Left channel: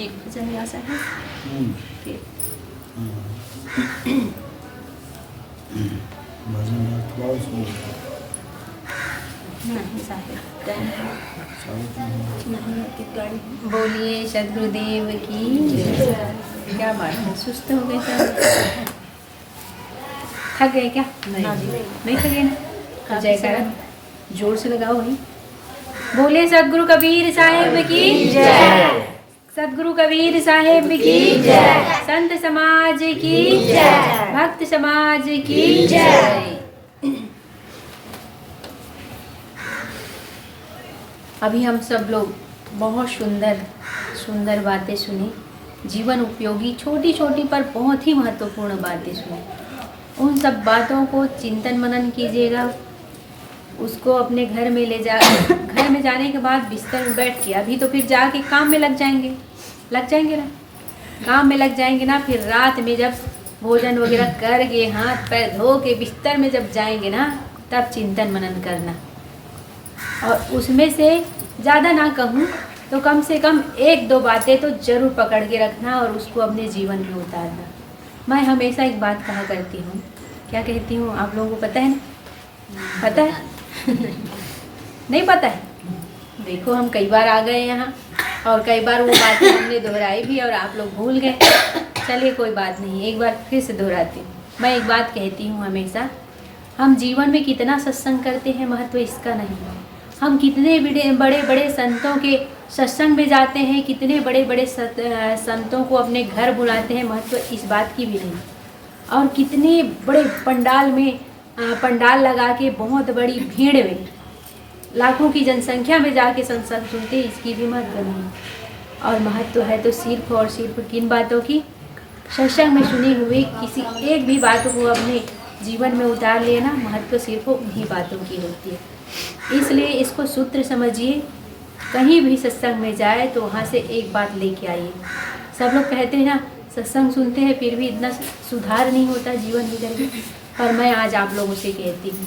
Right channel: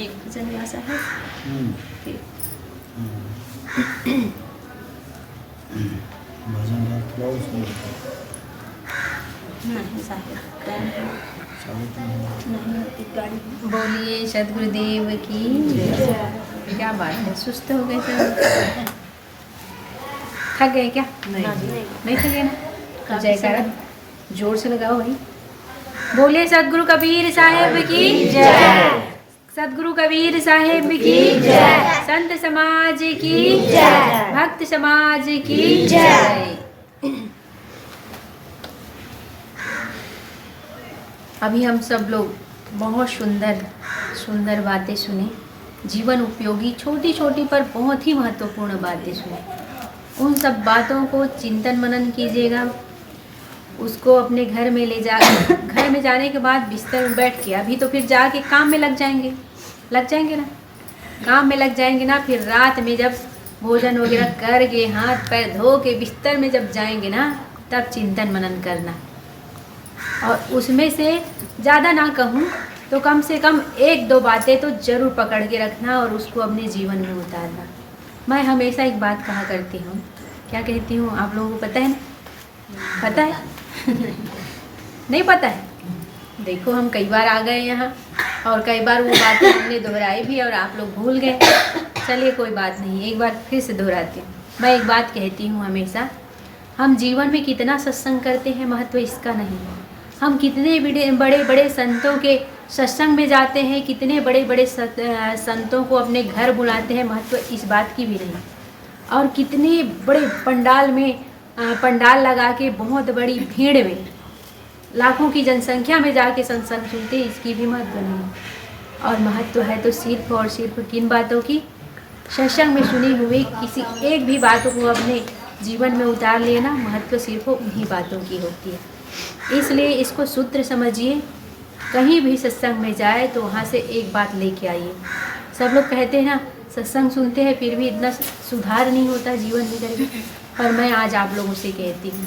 एक भजन गासा है फिर भजन थोड़ा नहीं साहिब टाइम है नहीं है गाड़ी। बोलिए सदगुरुदेव की जय। क्या बात है, सुस्त हो गए सब? थक गए क्या? नहीं थके ना? जयकारा जोर से लगाओ भाई। बोलिए सदगुरु कबीर साहेब की जय। सदगुरु कबीर साहेब की जय। संत समाज की जय। भक्त समाज की जय। अभी हम सब लोग बहुत सुंदर सुंदर बातें सुनी, जीवन उपयोगी छोटी छोटी पर बहुत ही महत्वपूर्ण बातें सुनी। उन सब बातों को चिंतन मनन कीजिएगा, उसको अपने घर में ले जा घर में जाने के बाद बिस्तर में बैठ के, अभी तो फिर जाके काम में लग जाएंगे ना, काम में लग जाएंगे ना, फिर रात में जब भोजन वगैरह करके हाथ पैर धो के बिस्तर में जब जाएंगे ना, तब चिंतन मनन करना। और उसमें से ज़्यादा ना कहूँ तो कम से कम एक दो बातें तो ज़रूर पकड़ के रखना और उसको अपने जीवन में उतारना। मैं हमेशा एक बात कहा करती हूँ, क्या कहती हूँ आप लोगों को पता है ना? पता है? नहीं पता है? देखो हम कई बार आ गए यहाँ और कई बार वो बातें हमने दोहराई भी और आप लोग भूल गए। चलिए कोई बात नहीं, एक बार फिर से दोहराती हूँ। मैं एक बात कहती हूँ हमेशा, हम जीवन में कितना सत्संग करते हैं महत्व इसका नहीं है। हम कितने बड़े बड़े संतों के सत्संग में जाते हैं, कितने बड़े बड़े संतों को अपने घर बुलाते हैं, महत्व इस बात की भी नहीं। और कितने बड़े पंडाल लगा के बहुत बड़ी भीड़ में लाखों की जनसंख्या में जाके सत्संग सुनते, इसकी भी महत्व नहीं। और महत्व है तो सिर्फ और सिर्फ किन बातों की? सत्संग में सुनी हुई किसी एक भी बातों को अपने जीवन में उतार लेना, महत्व सिर्फ उन्हीं बातों की होती है। इसलिए इसको सूत्र समझिए, कहीं भी सत्संग में जाए तो वहाँ से एक बात लेके आइए। सब लोग कहते हैं ना सत्संग सुनते हैं फिर भी इतना सुधार नहीं होता जीवन में करके, पर मैं आज आप लोगों से कहती हूँ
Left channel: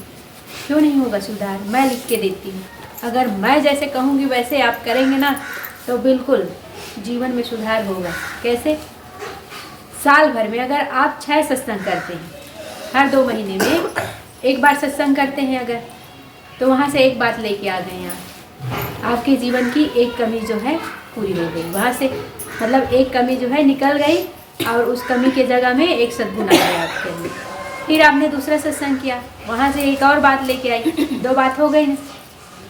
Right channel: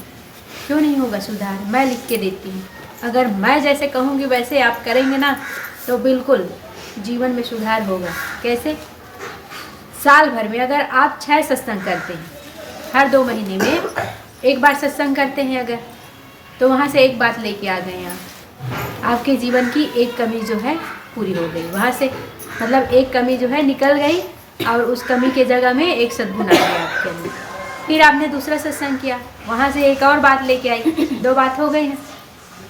क्यों नहीं होगा सुधार, मैं लिख के देती हूँ। अगर मैं जैसे कहूँगी वैसे आप करेंगे ना तो बिल्कुल जीवन में सुधार होगा। कैसे? साल भर में अगर आप 6 सत्संग करते हैं, हर 2 महीने में एक बार सत्संग करते हैं अगर, तो वहाँ से एक बात लेके आ गए आप, आपके जीवन की एक कमी जो है पूरी हो गई। वहाँ से मतलब एक कमी जो है निकल गई और उस कमी के जगह में एक सद्गुण आ गया आपके लिए। फिर आपने दूसरा सत्संग किया, वहाँ से एक और बात लेके आई, 2 बात हो गई ना।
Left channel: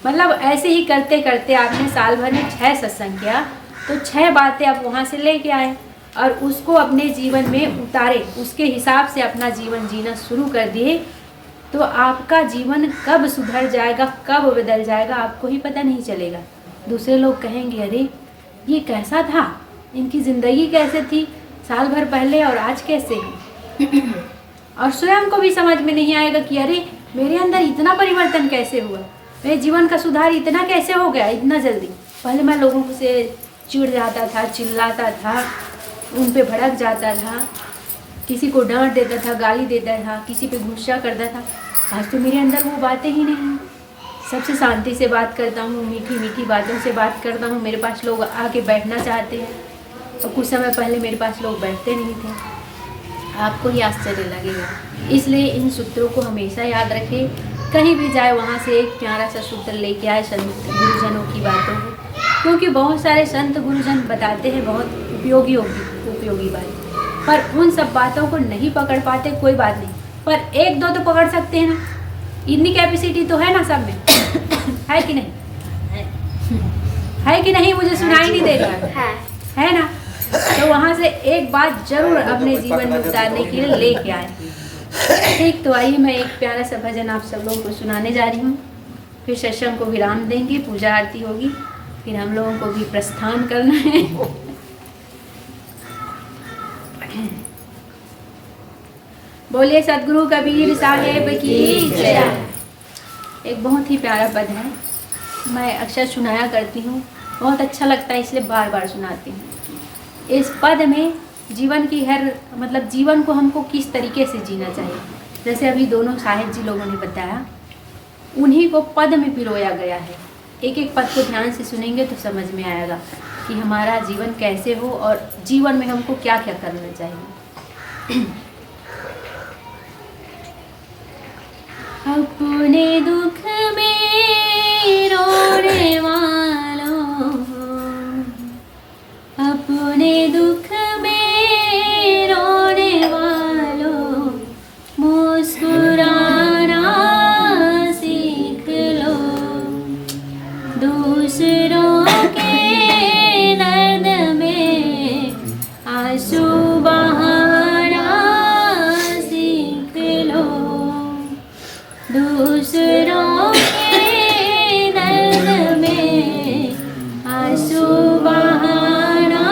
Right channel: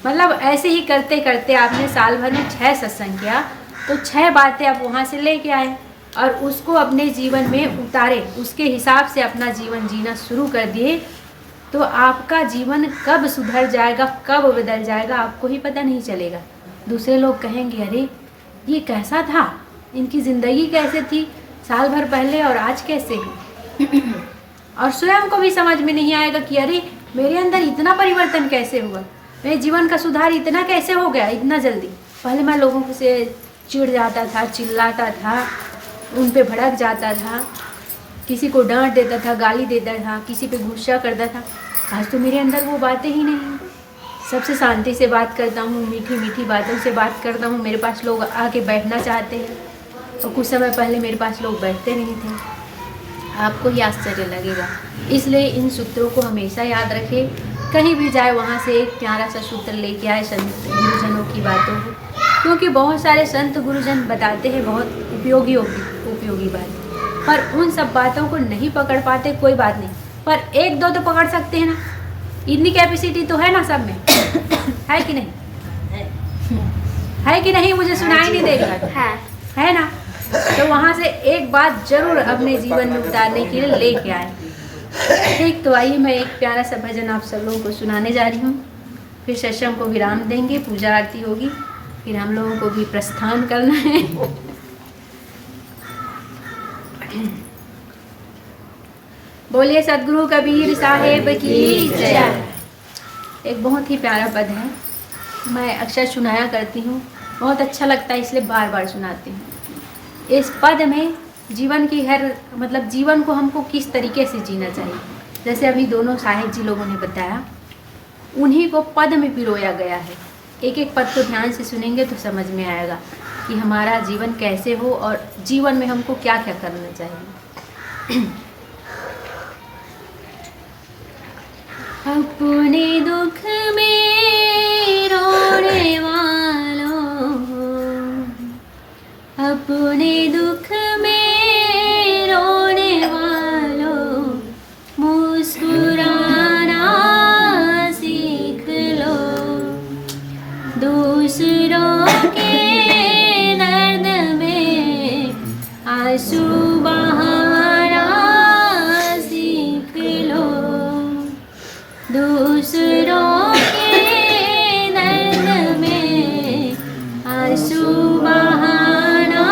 मतलब ऐसे ही करते करते आपने साल भर में 6 सत्संग किया तो 6 बातें आप वहाँ से लेके आए और उसको अपने जीवन में उतारे, उसके हिसाब से अपना जीवन जीना शुरू कर दिए, तो आपका जीवन कब सुधर जाएगा, कब बदल जाएगा आपको ही पता नहीं चलेगा। दूसरे लोग कहेंगे अरे ये कैसा था, इनकी ज़िंदगी कैसे थी साल भर पहले और आज कैसे है। और स्वयं को भी समझ में नहीं आएगा कि अरे मेरे अंदर इतना परिवर्तन कैसे हुआ, मेरे जीवन का सुधार इतना कैसे हो गया इतना जल्दी। पहले मैं लोगों से चिढ़ जाता था, चिल्लाता था, उन पे भड़क जाता था, किसी को डांट देता था, गाली देता था, किसी पे गुस्सा करता था। आज तो मेरे अंदर वो बातें ही नहीं। सबसे शांति से बात करता हूँ, मीठी मीठी बातों से बात करता हूँ। मेरे पास लोग आके बैठना चाहते हैं और कुछ समय पहले मेरे पास लोग बैठते नहीं थे। आपको ही आश्चर्य लगेगा। इसलिए इन सूत्रों को हमेशा याद रखें, कहीं भी जाए वहाँ से एक प्यारा सा सूत्र लेके आए संत गुरुजनों की बातों को, क्योंकि बहुत सारे संत गुरुजन बताते हैं बहुत उपयोगी बात, पर उन सब बातों को नहीं पकड़ पाते। कोई बात नहीं, पर 1-2 तो पकड़ सकते हैं ना, इतनी कैपेसिटी तो है ना सब में। है कि नहीं? है कि नहीं? मुझे सुनाई नहीं देगा, है ना? तो वहाँ से एक बात जरूर अपने जीवन में उतारने के लिए लेके आए। ठीक, तो आइए मैं एक प्यारा सा भजन आप सब लोगों को सुनाने जा रही हूँ, फिर सत्संग को विराम देंगे, पूजा आरती होगी, फिर हम लोगों को भी प्रस्थान करना है। बोलिए सदगुरु कबीर साहेब की जय। एक बहुत ही प्यारा पद है, मैं अक्सर सुनाया करती हूँ, बहुत अच्छा लगता है इसलिए बार बार सुनाती हूँ। इस पद में जीवन की मतलब जीवन को हमको किस तरीके से जीना चाहिए, जैसे अभी दोनों साहेब जी लोगों ने बताया, उन्हीं को पद में पिरोया गया है। एक एक पद को ध्यान से सुनेंगे तो समझ में आएगा कि हमारा जीवन कैसे हो और जीवन में हमको क्या क्या करना चाहिए। अपने दुख में रोने वालों, अपने दुख में रोने वालों, मुस्कुराना सीख लो। दूसरों के दर्द में आंसू बहाना सीख लो। दूसरों के दर्द में आंसू बहाना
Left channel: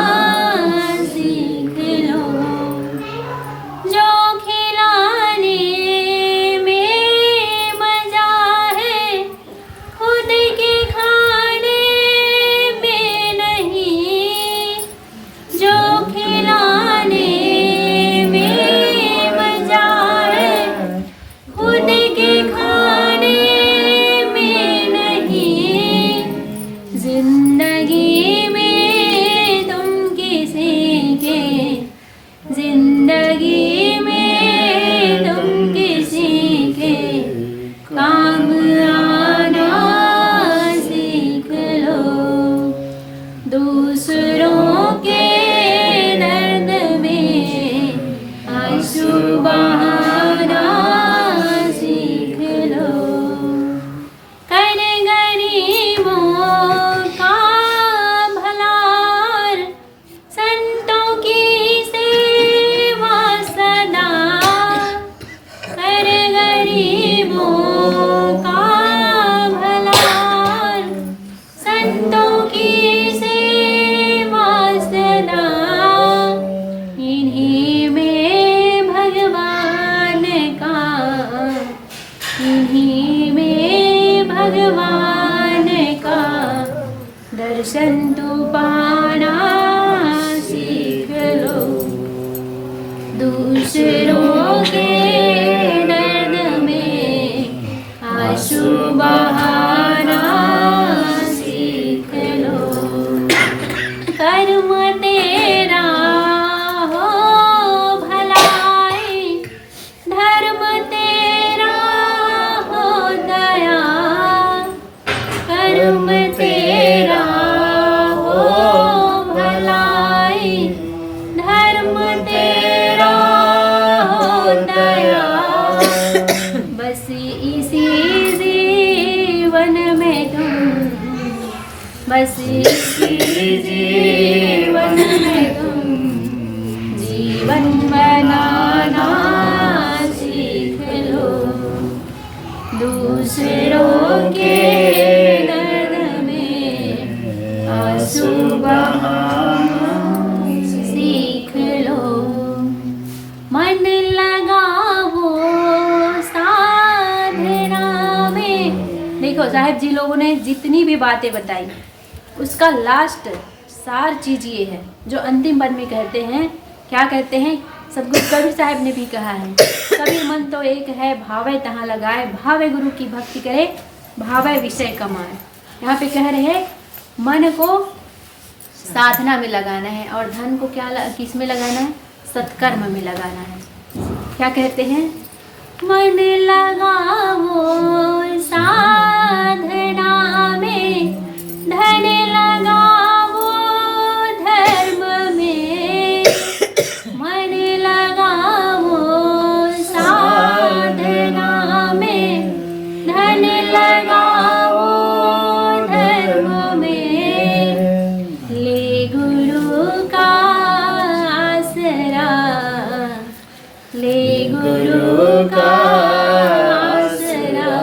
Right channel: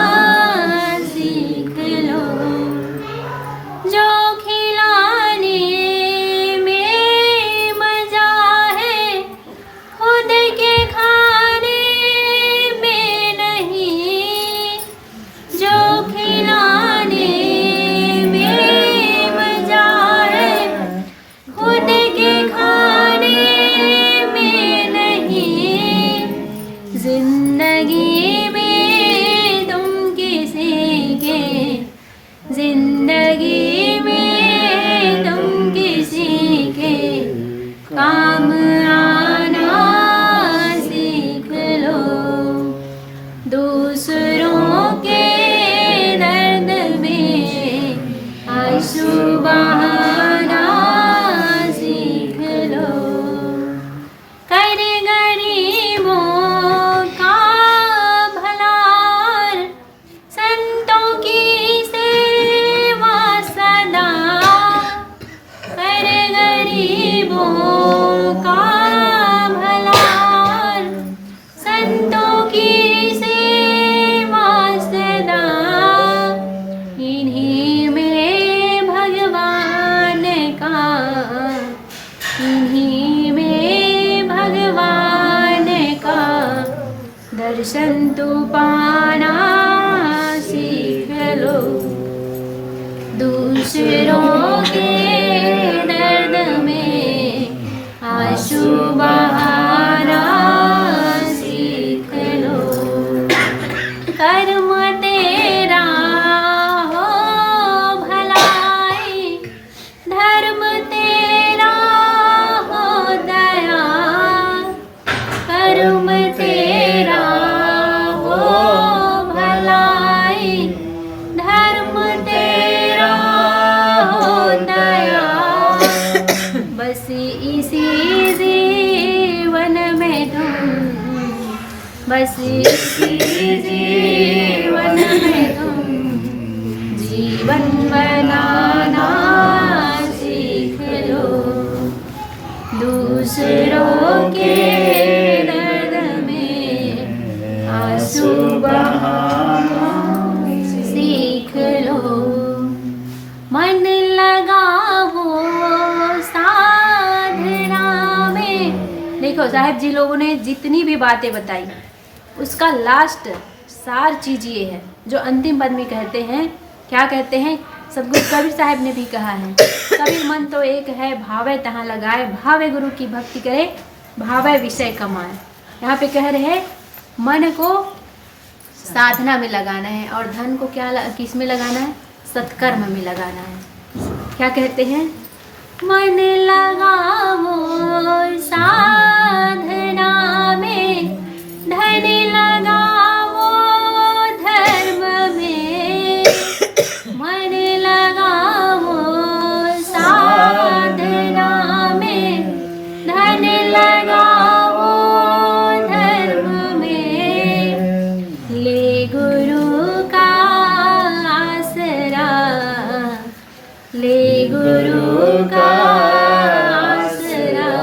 सीख लो। जो खिलाने में मजा है खुद के खाने में नहीं। जो खिलाने में मजा है खुद के खाने में नहीं। जिंदगी में तुम किसी के, जिंदगी में तुम किसी के काम आना सीख लो। दूसरों के दर्द में आंसू बहाना सीख लो। कर गरीबों का भला, संतों की सेवा सदा। कर गरीबों का भला, संतों की सेवा सदा। इन्हीं में भगवान का, इन्हीं में भगवान का दर्शन तू पाना सीख लो। दूसरों के दर्द में आंसू बहाना सीख लो। कर्म तेरा हो भलाई, धर्म तेरा हो दया। कर्म तेरा हो भलाई, धर्म तेरा हो दया। बस इसी जीवन में तुम, बस इसी जीवन में तुम जीवन बनाना सीख लो। दूसरों के दर्द में आंसू बहाना सीख लो। मन लगाओ साधना में। देखो साहब जी लोगों ने जितनी भी बातें बताई उसका लास्ट सार चीज ये है जो अंतिम पद में कहते हैं। क्या कहते हैं? सदगुरु कबीर साहब ने भी कहा है, सभी मन तो एक है, भावे तहाँ लगाए। भावे गुरु की भक्ति करे, भावे विषय कमाए। यहाँ पे कह रहे हैं मन को साधना में लगाना है और धन को किस में लगाना है? सत्कर्म में लगाना है। क्या कहते हैं? मन लगाओ साधना में, धन लगाओ धर्म में। मन लगाओ साधना में, धन लगाओ धर्म में। ले गुरु का आसरा, ले गुरु का आसरा।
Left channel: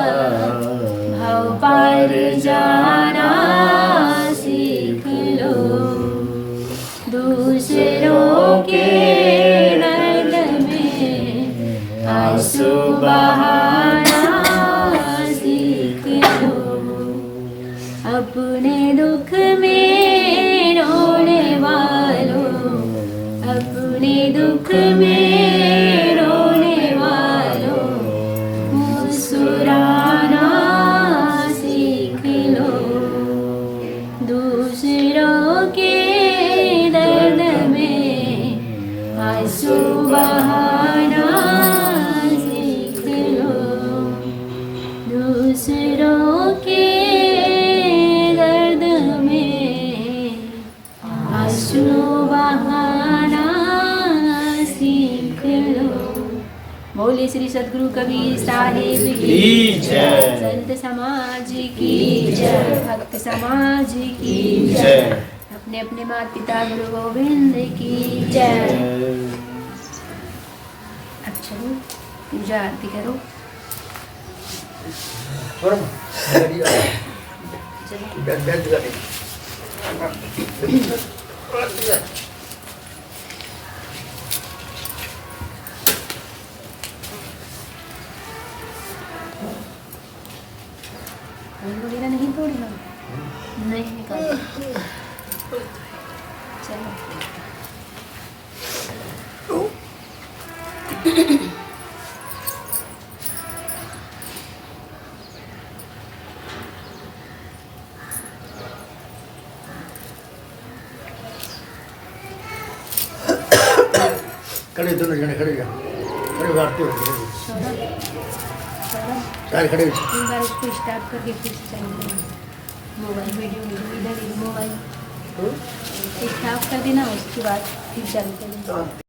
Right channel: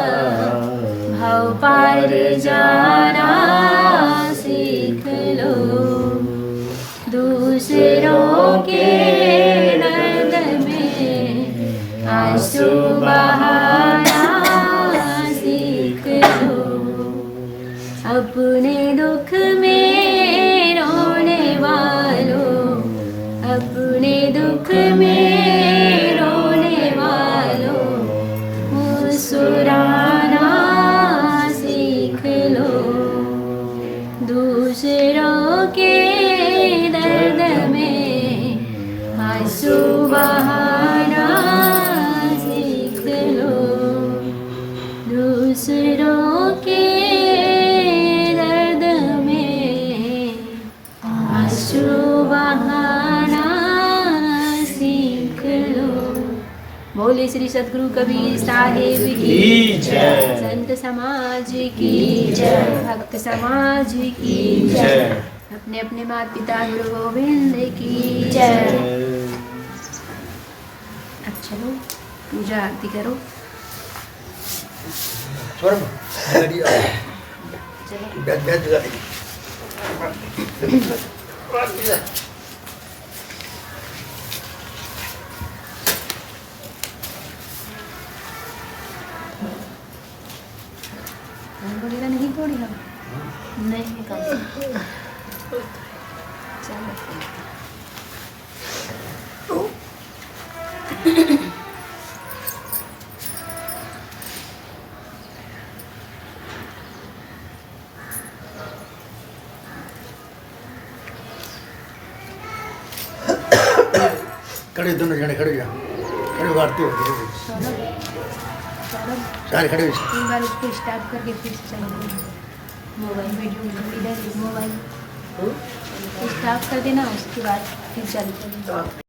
आंसू बहाना सीख लो। बोले श्री सद्गुरु कबीर साहेब की जय, संत समाज की जय, भक्त समाज की जय, अपने अपने माता पिता गुरु गोविंद की जय। अब चलो पूजा आरती करो। वगैरह नहीं तोड़ी हम नहीं निकालते। चलो खड़े दोनों जने खड़े जा, खड़े आरती होती है। सौरभ सौरभ सारे खड़े हो। एक बार इसको स्टार्ट करके फिर से चालू करना। मोबाइल वीडियो इधर मोबाइल स्टार्ट कर देना, उसके बाद फिर चालू कर देना।